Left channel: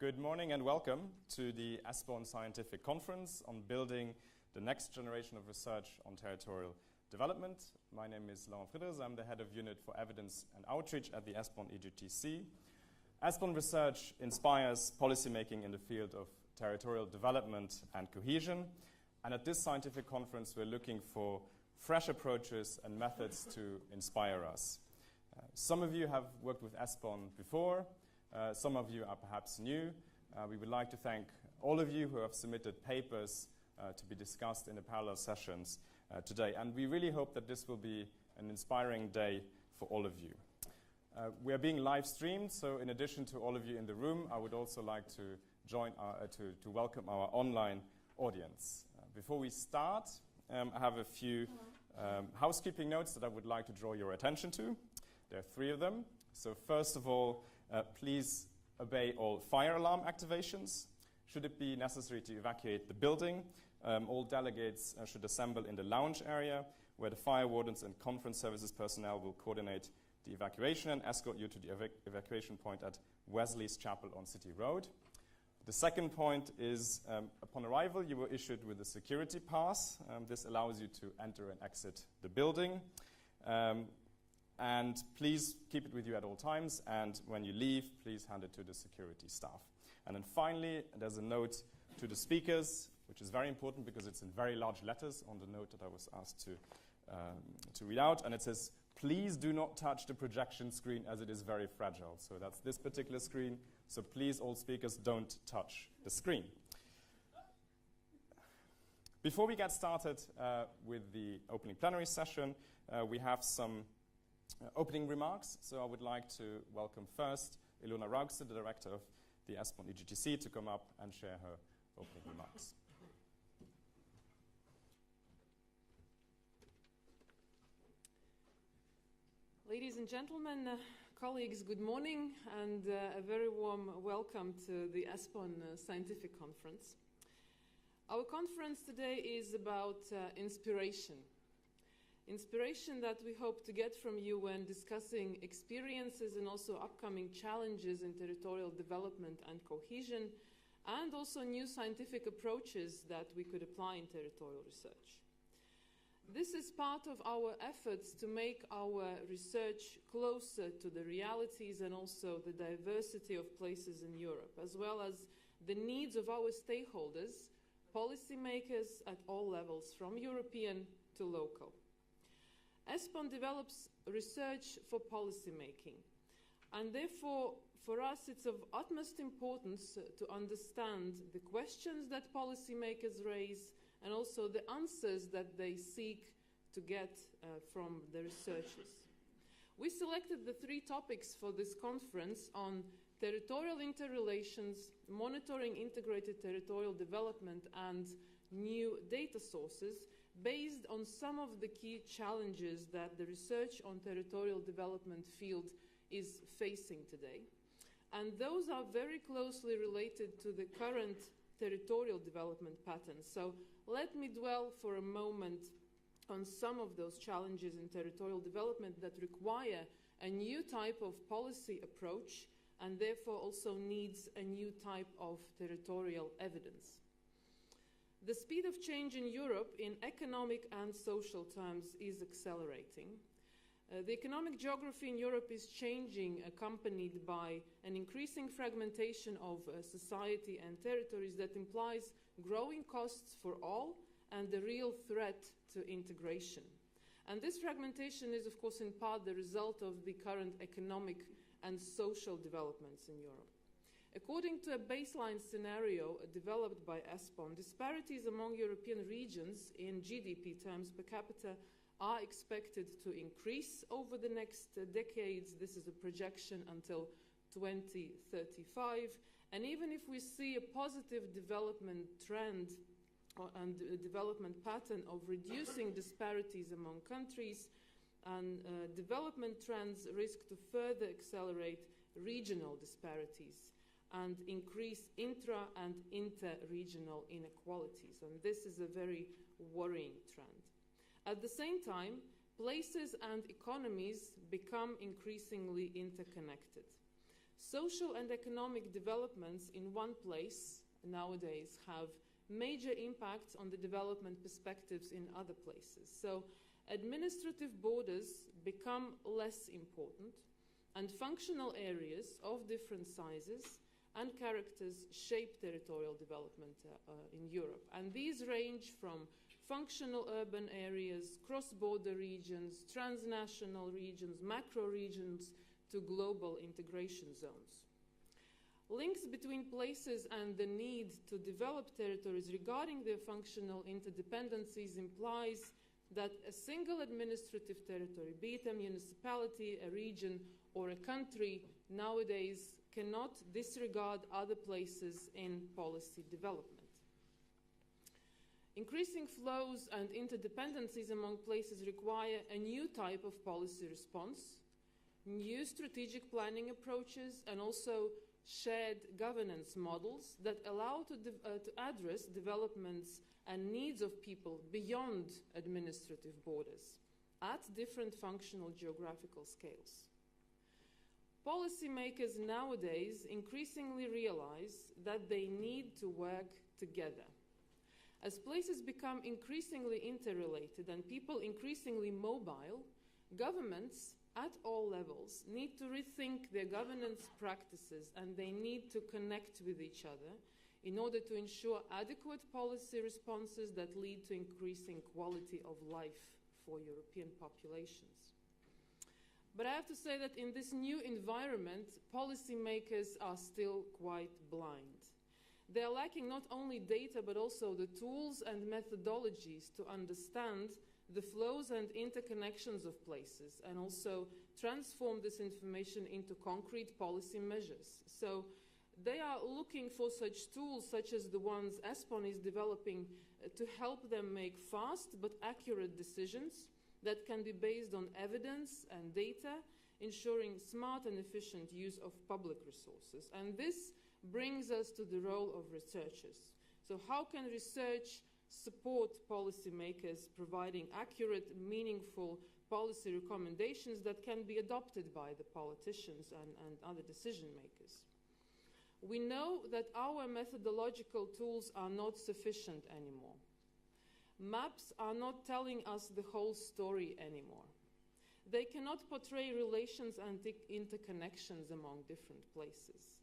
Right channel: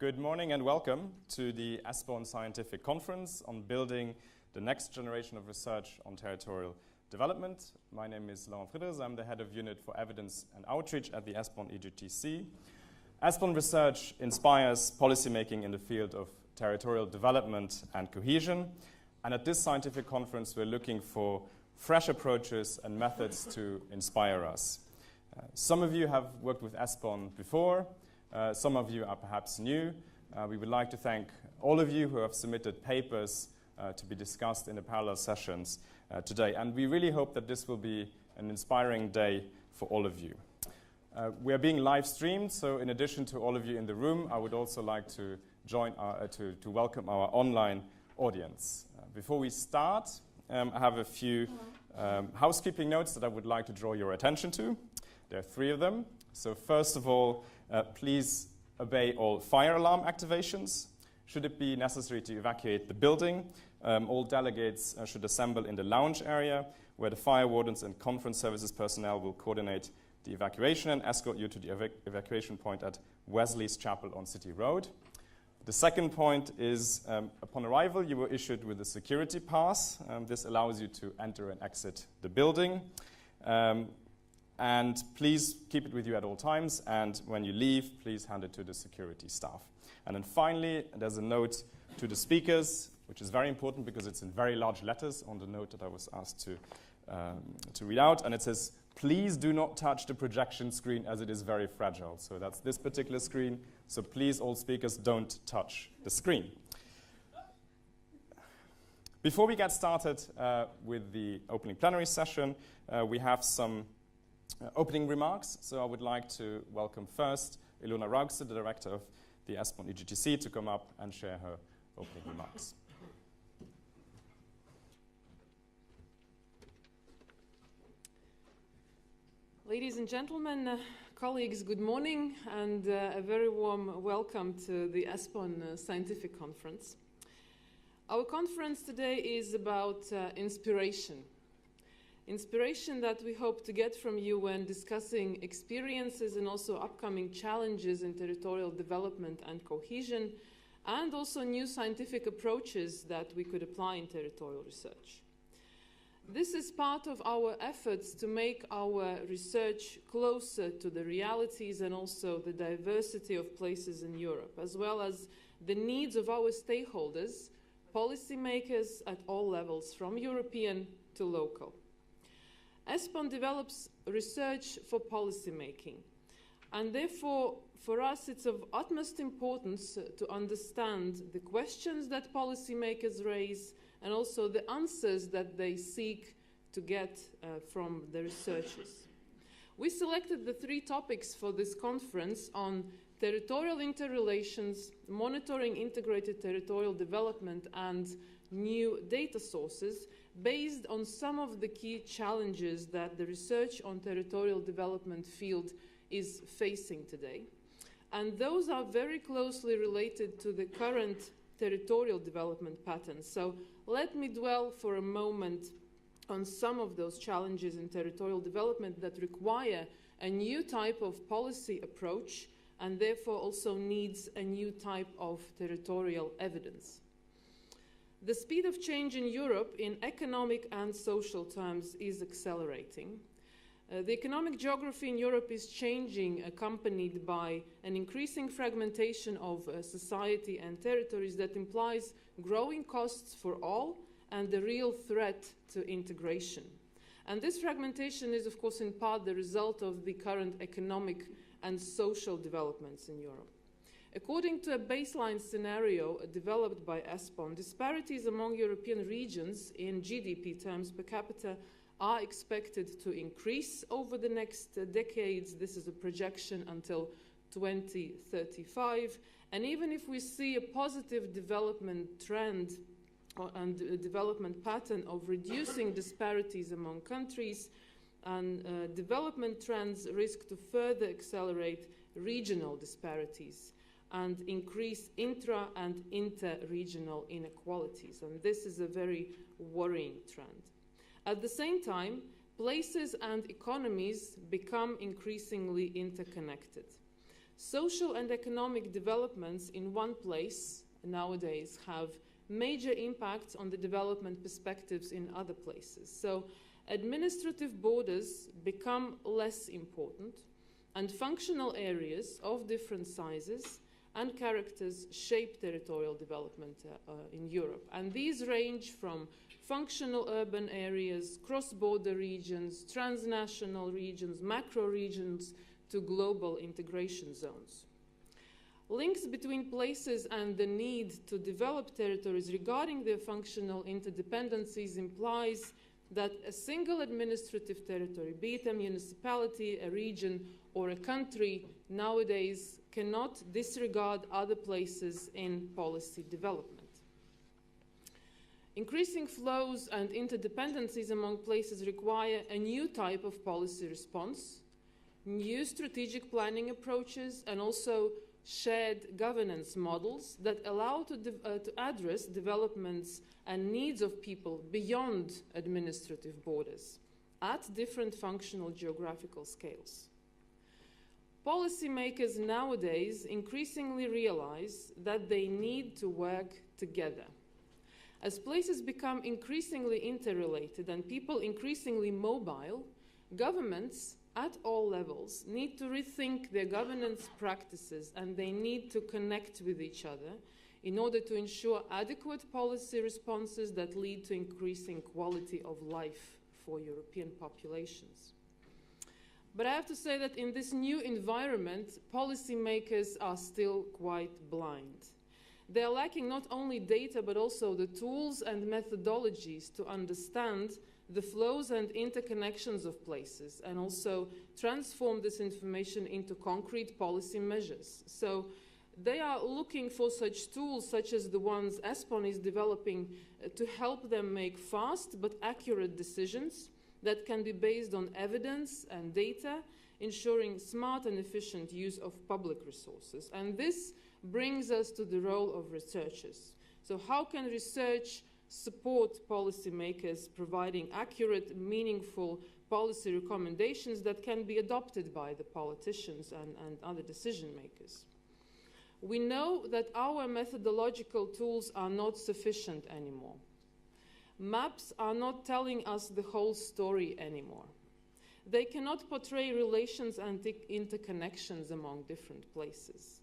Good morning and welcome to the ESPON Scientific Conference on building the next generation of research on territorial development. My name is Ilona Raugze. I'm the head of unit for evidence and outreach at the ESPON EGTC. ESPON research inspires policymaking in the field of territorial development and cohesion. And at this scientific conference, we're looking for fresh approaches and methods to inspire us. Some of you have worked with ESPON before. Some of you are perhaps new. We would like to thank all of you who have submitted papers to be discussed in the parallel sessions today. And we really hope that this will be an inspiring day for all of you. We are being live streamed, so in addition to all of you in the room, I would also like to welcome our online audience. Before we start, I have a few housekeeping notes that I would like to draw your attention to. There are three of them. So first of all, please obey all fire alarm activations. Should it be necessary to evacuate the building, all delegates should assemble in the lounge area where the fire wardens and conference services personnel will coordinate the evacuation and escort you to the evacuation point at Wesley's Chapel on City Road. The second point is, upon arrival, you were issued with a security pass. This allows you to enter and exit the building. And please keep it with you at all times, and when you leave, please hand it to the security staff. And then finally, there's a note to the speakers, which is very important because it's in very large letters on the note that I was asked to read out, and it says, please do not touch the projection screen as it is very fragile. So that's this particular screen, so please, all speakers, don't touch the screen. Before we get started with the opening plenary session, we have some opening remarks. So I would like to welcome first Ilona Raugze, the director of the ESPON EGTC, to come up and share her opening remarks. Ladies and gentlemen, colleagues, good morning, and a very warm welcome to the ESPON Scientific Conference. Our conference today is about inspiration. Inspiration that we hope to get from you when discussing experiences and also upcoming challenges in territorial development and cohesion, and also new scientific approaches that we could apply in territorial research. This is part of our efforts to make our research closer to the realities and also the diversity of places in Europe, as well as the needs of our stakeholders, policymakers at all levels, from European to local. ESPON develops research for policymaking, and therefore, for us, it's of utmost importance to understand the questions that policymakers raise and also the answers that they seek to get from the researchers. We selected the three topics for this conference on territorial interrelations, monitoring integrated territorial development, and new data sources, based on some of the key challenges that the research on territorial development field is facing today. And those are very closely related to the current territorial development patterns. So let me dwell for a moment on some of those challenges in territorial development that require a new type of policy approach and therefore also needs a new type of territorial evidence. The speed of change in Europe in economic and social terms is accelerating. The economic geography in Europe is changing, accompanied by an increasing fragmentation of society and territories that implies growing costs for all and the real threat to integration. And this fragmentation is, of course, in part the result of the current economic and social developments in Europe. According to a baseline scenario developed by ESPON, disparities among European regions in GDP terms per capita are expected to increase over the next decades. This is a projection until 2035. And even if we see a positive development trend and a development pattern of reducing disparities among countries, and development trends risk to further accelerate regional disparities and increase intra- and inter-regional inequalities. And this is a very worrying trend. At the same time, places and economies become increasingly interconnected. social and economic developments in one place nowadays have major impacts on the development perspectives in other places. So administrative borders become less important, and functional areas of different sizes and characters shape territorial development in Europe. And these range from functional urban areas, cross-border regions, transnational regions, macro regions, to global integration zones. Links between places and the need to develop territories regarding their functional interdependencies implies that a single administrative territory, be it a municipality, a region, or a country, nowadays cannot disregard other places in policy development. Increasing flows and interdependencies among places require a new type of policy response, new strategic planning approaches, and also shared governance models that allow to address developments and needs of people beyond administrative borders at different functional geographical scales. Policymakers nowadays increasingly realize that they need to work together. As places become increasingly interrelated and people increasingly mobile, governments at all levels need to rethink their governance practices, and they need to connect with each other in order to ensure adequate policy responses that lead to increasing quality of life for European populations. But I have to say that in this new environment, policymakers are still quite blind. They are lacking not only data, but also the tools and methodologies to understand the flows and interconnections of places, and also transform this information into concrete policy measures. So they are looking for such tools, such as the ones ESPON is developing, to help them make fast but accurate decisions that can be based on evidence and data, ensuring smart and efficient use of public resources. And this brings us to the role of researchers. So how can research support policymakers, providing accurate, meaningful policy recommendations that can be adopted by the politicians and other decision makers? We know that our methodological tools are not sufficient anymore. Maps are not telling us the whole story anymore. They cannot portray relations and interconnections among different places.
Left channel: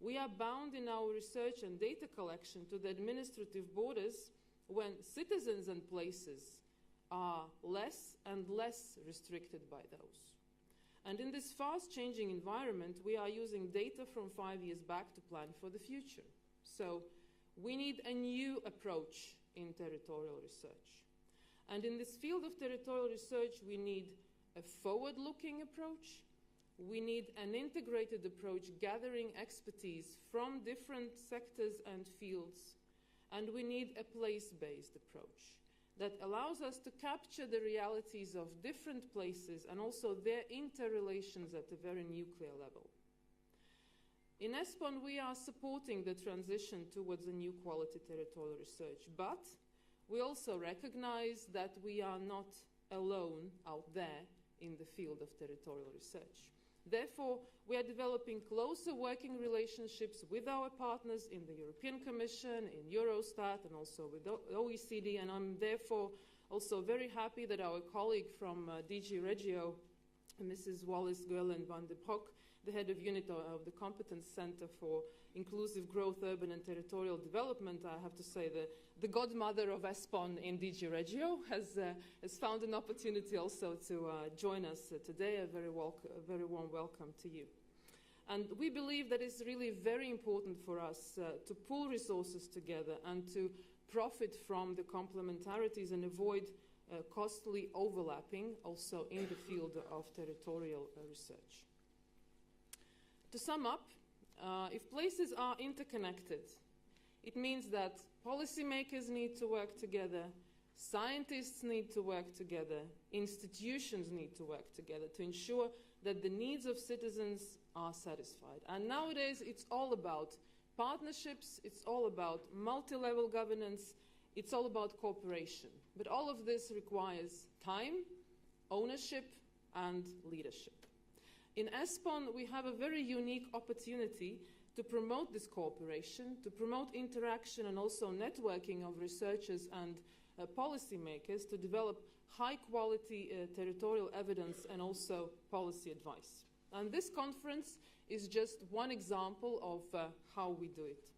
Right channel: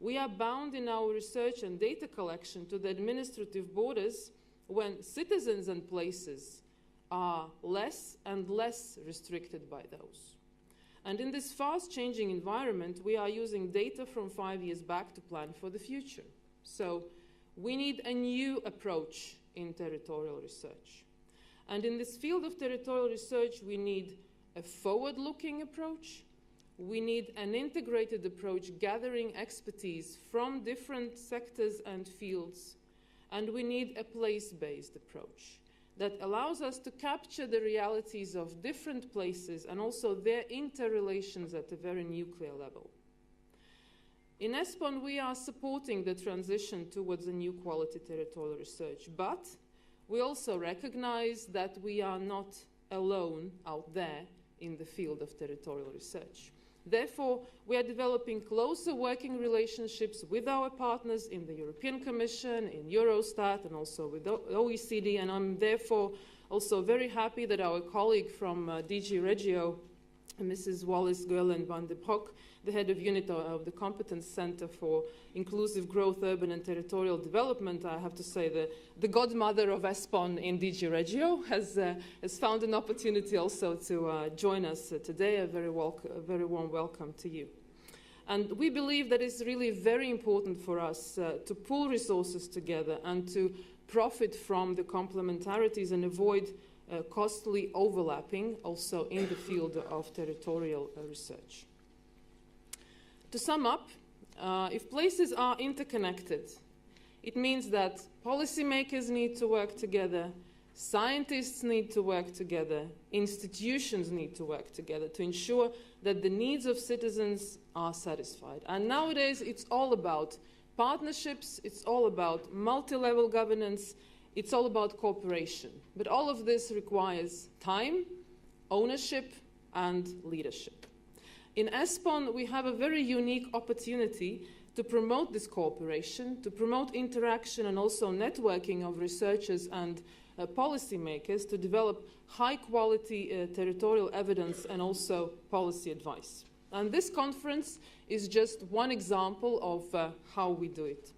We are bound in our research and data collection to the administrative borders when citizens and places are less and less restricted by those. And in this fast-changing environment, we are using data from 5 years back to plan for the future. So we need a new approach in territorial research. And in this field of territorial research, we need a forward-looking approach. We need an integrated approach gathering expertise from different sectors and fields. And we need a place-based approach that allows us to capture the realities of different places and also their interrelations at a very nuclear level. In ESPON, we are supporting the transition towards a new quality territorial research, but we also recognize that we are not alone out there in the field of territorial research. Therefore, we are developing closer working relationships with our partners in the European Commission, in Eurostat, and also with OECD, and I'm therefore also very happy that our colleague from DG Regio, Mrs. Wallis-Goerland van de Broek, the head of unit of the Competence Center for Inclusive Growth, Urban and Territorial Development, I have to say the godmother of ESPON in DG Regio, has found an opportunity also to join us today. A very warm welcome to you. And we believe that it's really very important for us to pool resources together and to profit from the complementarities and avoid costly overlapping also in the field of territorial research. To sum up, if places are interconnected, it means that policymakers need to work together, scientists need to work together, institutions need to work together to ensure that the needs of citizens are satisfied. And nowadays, it's all about partnerships, it's all about multi-level governance, it's all about cooperation. But all of this requires time, ownership, and leadership. In ESPON, we have a very unique opportunity to promote this cooperation, to promote interaction and also networking of researchers and policymakers to develop high-quality territorial evidence and also policy advice. And this conference is just one example of how we do it.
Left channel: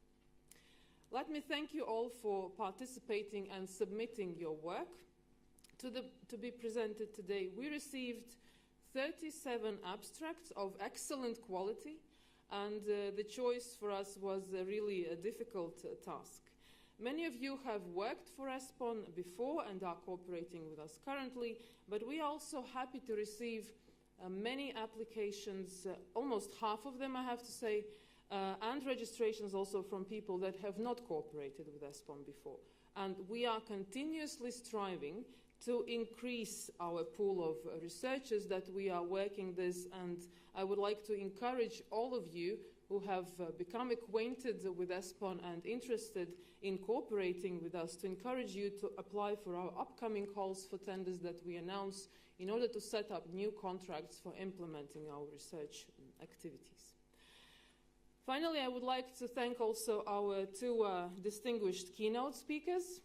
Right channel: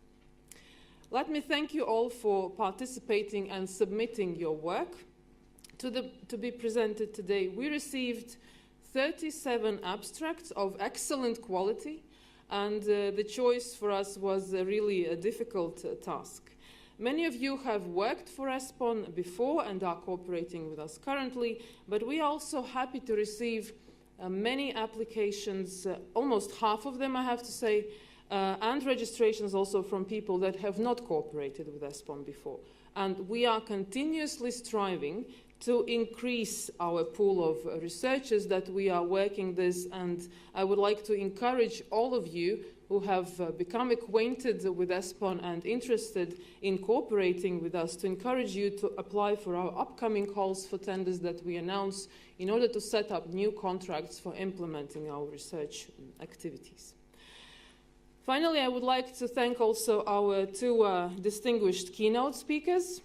Let me thank you all for participating and submitting your work to be presented today. We received 37 abstracts of excellent quality, and the choice for us was really a difficult task. Many of you have worked for ESPON before and are cooperating with us currently, but we are also happy to receive many applications, almost half of them I have to say, and registrations also from people that have not cooperated with ESPON before. And we are continuously striving to increase our pool of researchers that we are working this, and I would like to encourage all of you who have become acquainted with ESPON and interested in cooperating with us to encourage you to apply for our upcoming calls for tenders that we announce in order to set up new contracts for implementing our research activities. Finally, I would like to thank also our two distinguished keynote speakers,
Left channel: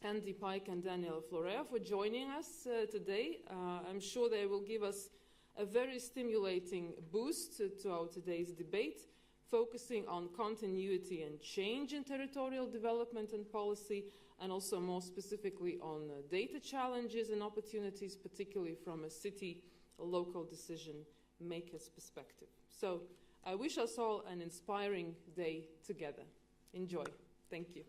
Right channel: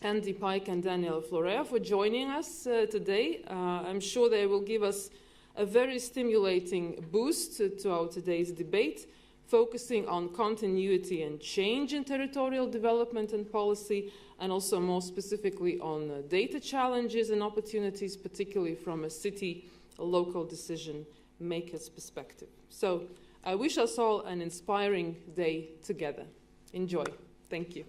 Andy Pike and Daniel Florea, for joining us today. I'm sure they will give us a very stimulating boost to our today's debate, focusing on continuity and change in territorial development and policy, and also more specifically on data challenges and opportunities, particularly from a local decision maker's perspective. So I wish us all an inspiring day together. Enjoy. Thank you.